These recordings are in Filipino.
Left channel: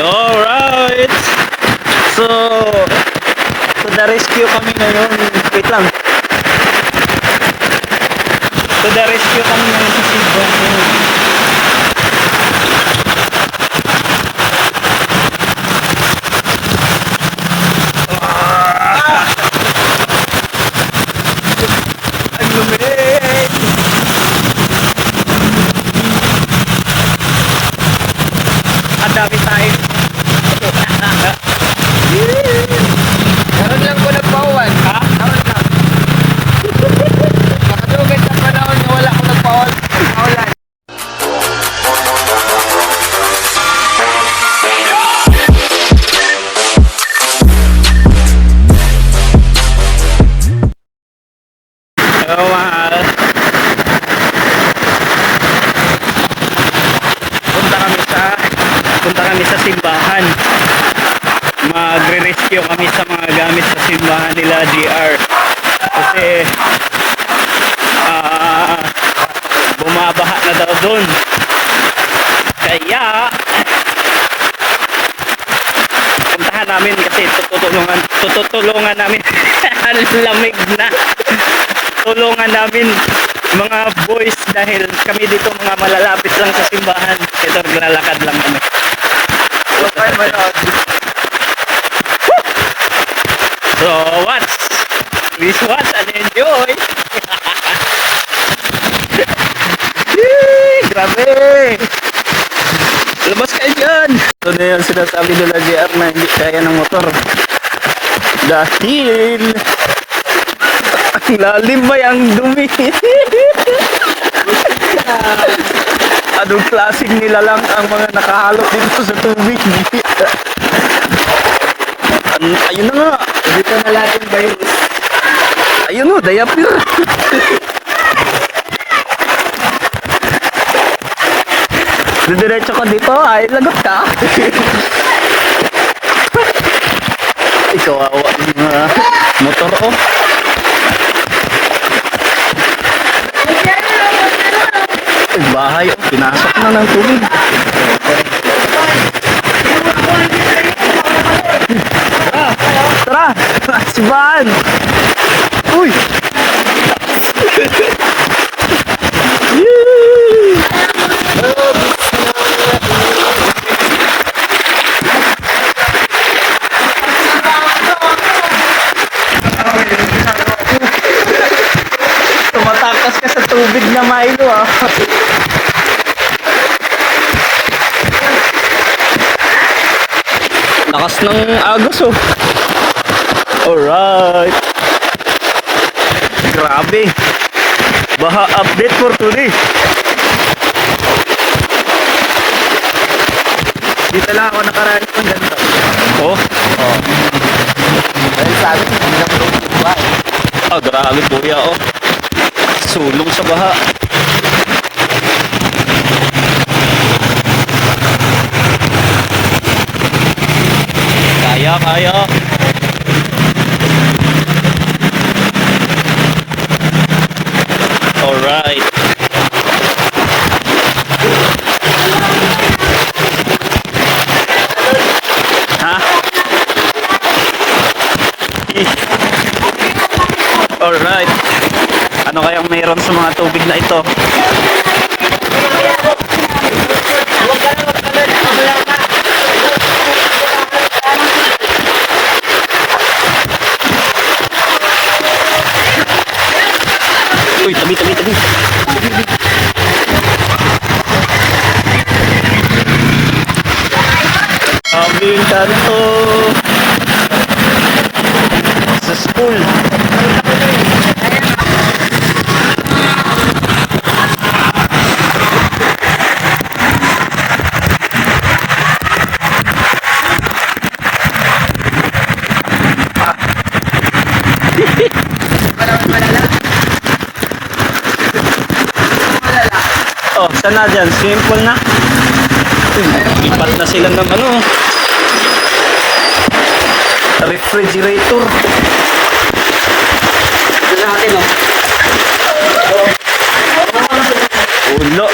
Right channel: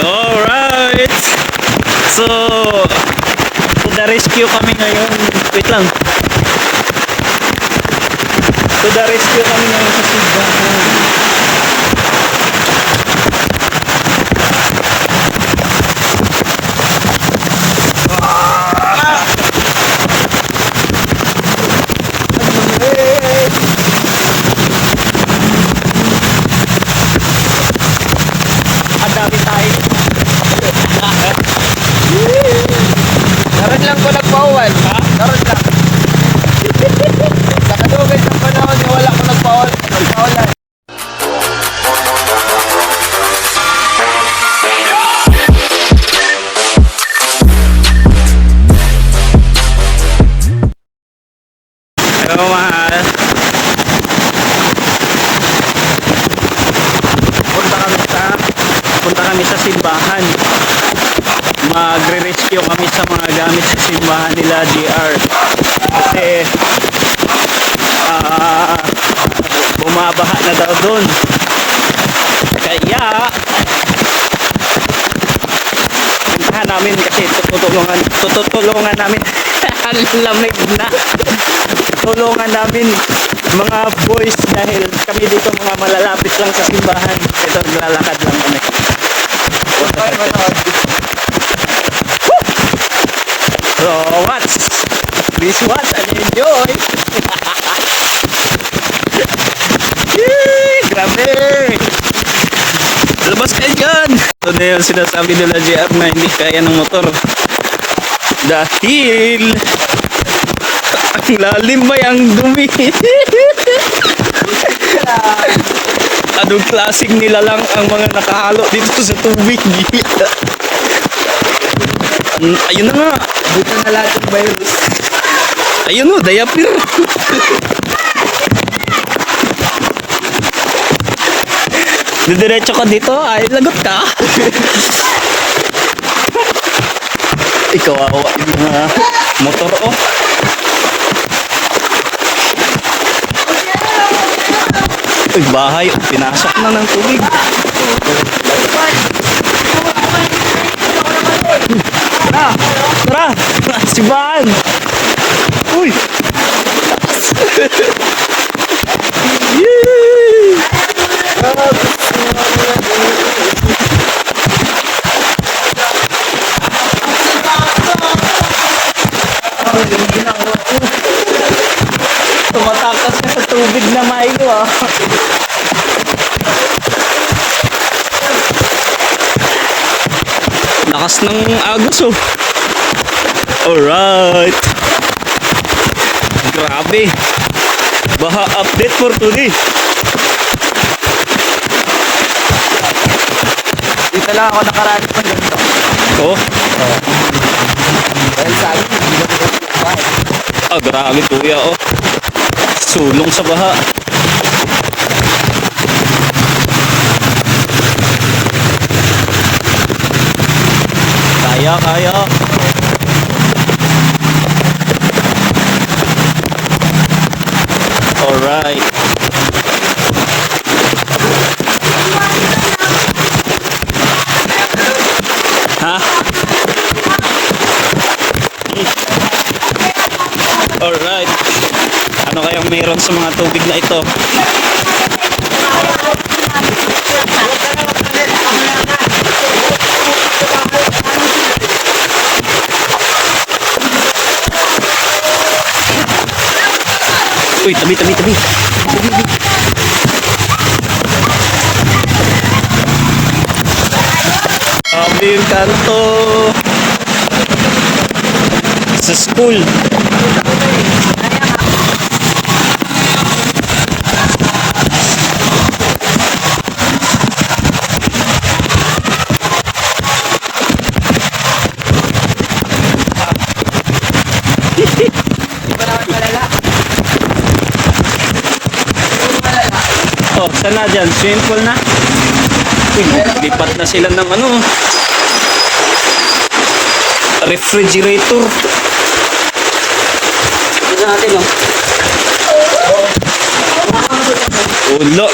Alright! So, to the rescue kami ngayon. Wait lang. To the rescue kami ngayon sa Sibahan. Ang dami tayo. Meron lang ko nagpauwan. Ha? Meron lang. Nakadugay sa panahon na wala ko nagpaulan. Hello, mahal. Punta kami sa simbahan. Magre-rescue kami sa mga gamit sa simbahan nila GR. Kasi bumabaha na daw doon. Kaya puntahan namin kasi tutulungan namin. Ang lamig na. Tulungan namin mga boys dahil kami dito mga malalapit lang sa simbahan. Ito naglalakad lang kami. Okay, manood. So please watch and enjoy. Yee, grabe. Labas kayo dyan. Ito na yung sinasabi nila JR na hindi kaya ng motor dahil ang lalim ba yung dumi. Anong klaseng nila lang ang mga nakahalo dito sa tubig. Ayun na nga. Dito na lahat yung virus. Ayun o, diaper. Didiretso ka dito, ay lagot ka. Ikaw awa mga motor oh. Ay, bahay, pinasok na ng tubig. Tara, sibahan. Uy. Tumatakas ka sa tubig na Milo ah. Lakas ng agos oh. Alright. Grabe. Baha update for today. Dito lang ako nakaranas ng ganito. Oh. Dahil sa amin, hindi lang ito bahay. Ah, grabe kuya oh. Sulong sa baha. Kaya. Alright. Ha? Alright. Ano kayang meron sa mga tubig na ito? Uy, tabi. Aming kanto sa school. Oh, sana dyan. Simple na. Uy, lipat na sila ng ano. Refrigerator. Ito natin oh. Ulo.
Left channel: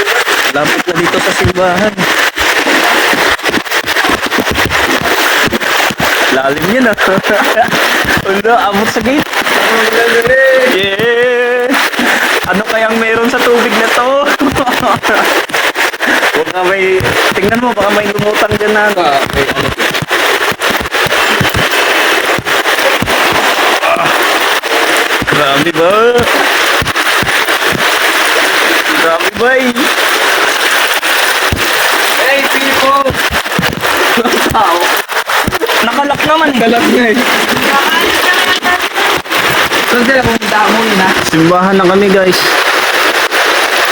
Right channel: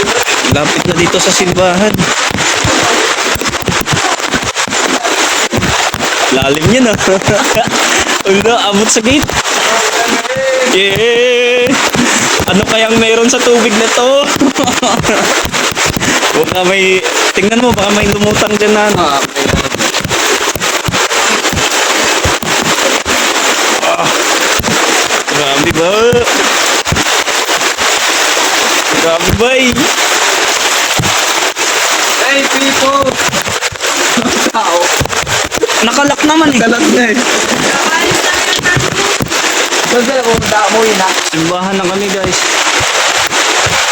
Lapit na dito sa simbahan. Lalim yun ah. Ulo, abot sa gate. Yeah. Ano kayang meron sa tubig na to? Baka may, tingnan mo, baka may lumutang dyan na ano. Grabe ba? Grabe ba eh? Hey, people! Tao. Nakalak naman eh. Talag na eh. Saan sila pumunta? Umuwi na. Simbahan na kami guys.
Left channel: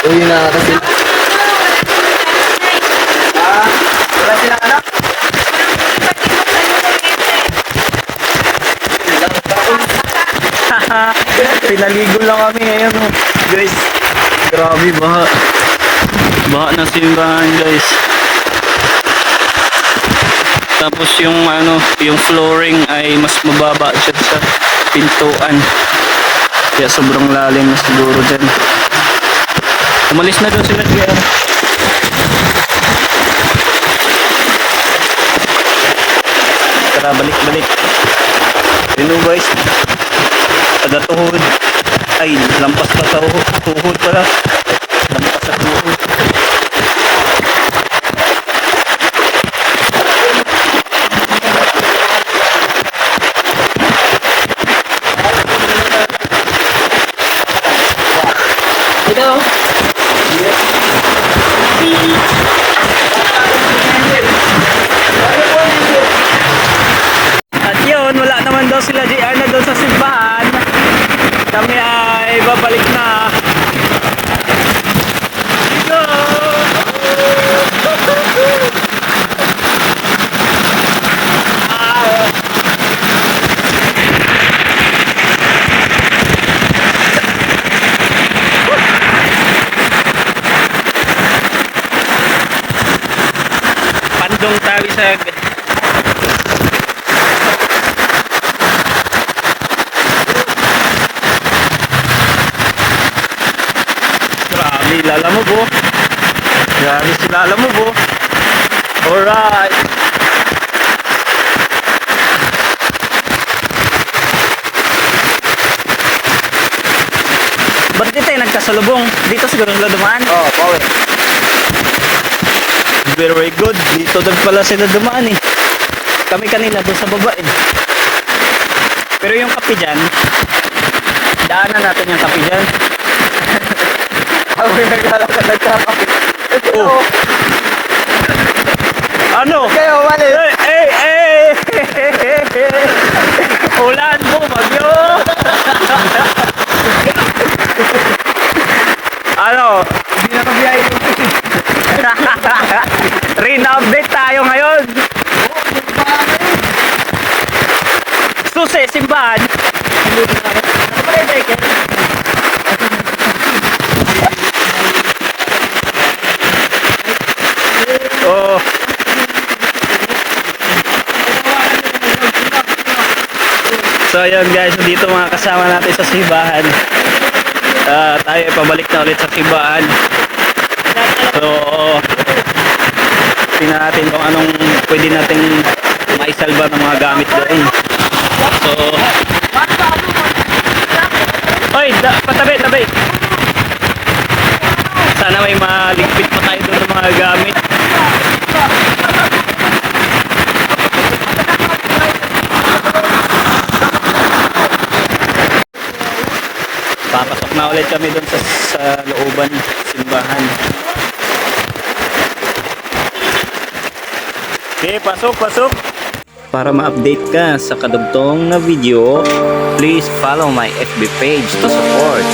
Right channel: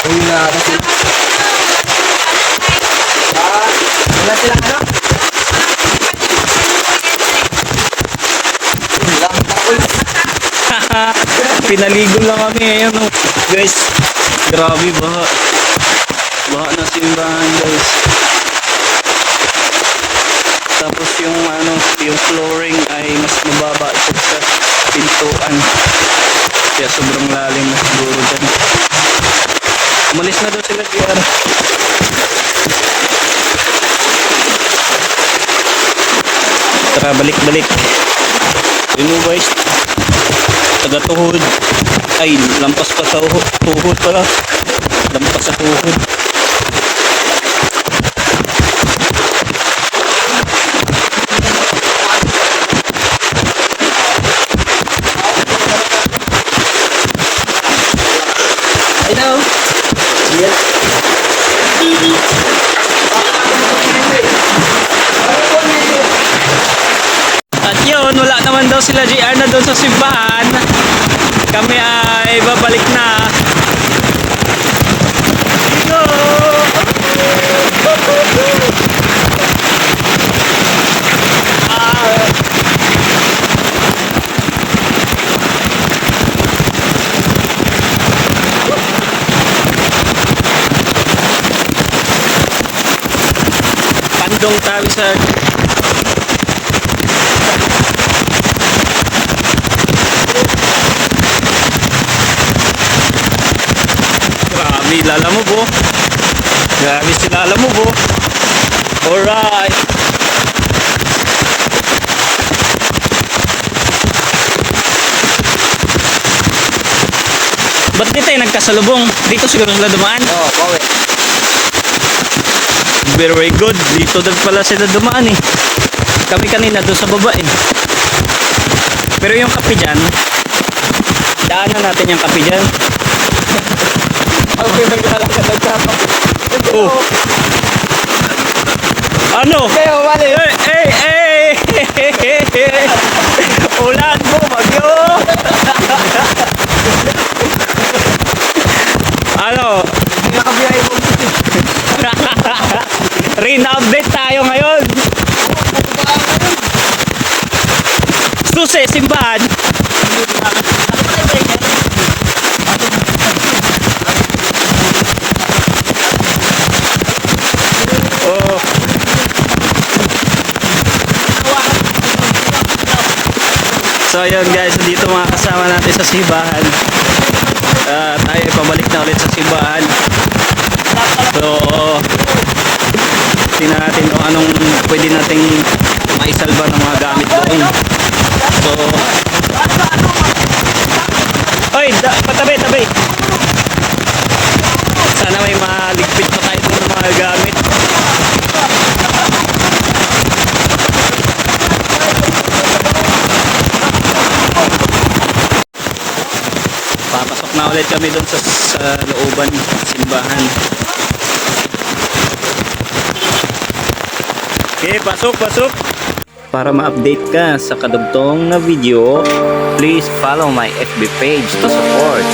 Uwi na kasi. Wala silang anak? Pinaligo lang kami ngayon oh. Guys, grabe baha. Baha na simbahan guys. Tapos yung ano, yung flooring ay mas mababa siya sa pintuan. Kaya sobrang lalim na siguro dyan. Umalis na doon sila JR. Tara, balik-balik. Yun o guys. Taga tuhod. Ay, lampas pa tuhod. Tuhod pala. Lampas sa tuhod. Ito. At yun, wala naman daw sila JR na doon sa simbahan. Kami ay babalik na. Go! Ah. Pandong tayo sa Grabe, lalamove oh. Grabe si lalamove oh. Alright. Ba't di tayo nagkasalubong? Dito siguro nila dumaan? Oh, power. Very good. Dito din pala sila dumaan eh. Kami kanina doon sa baba eh. Pero yung kape dyan, daanan natin yung kape dyan. Ako yung naglalakad nagkakape. Oh. Ano? Kaya wala eh. Ulan mo, bagyo! Ano? Hindi na kabiyahe mo. Rain update tayo ngayon. Susi, simbahan. Oh. So ayun guys, dito mga kasama natin sa simbahan. Tayo ay pabalik na ulit sa simbahan. So tingnan natin kung anong pwede nating maisalba ng mga gamit doon. So oy, patabi. Sana may maligpit pa tayo doon ng mga gamit. Papasok na ulit kami doon sa looban simbahan. Okay, pasok. Para ma-update ka sa kadugtong na video, please follow my FB page to support.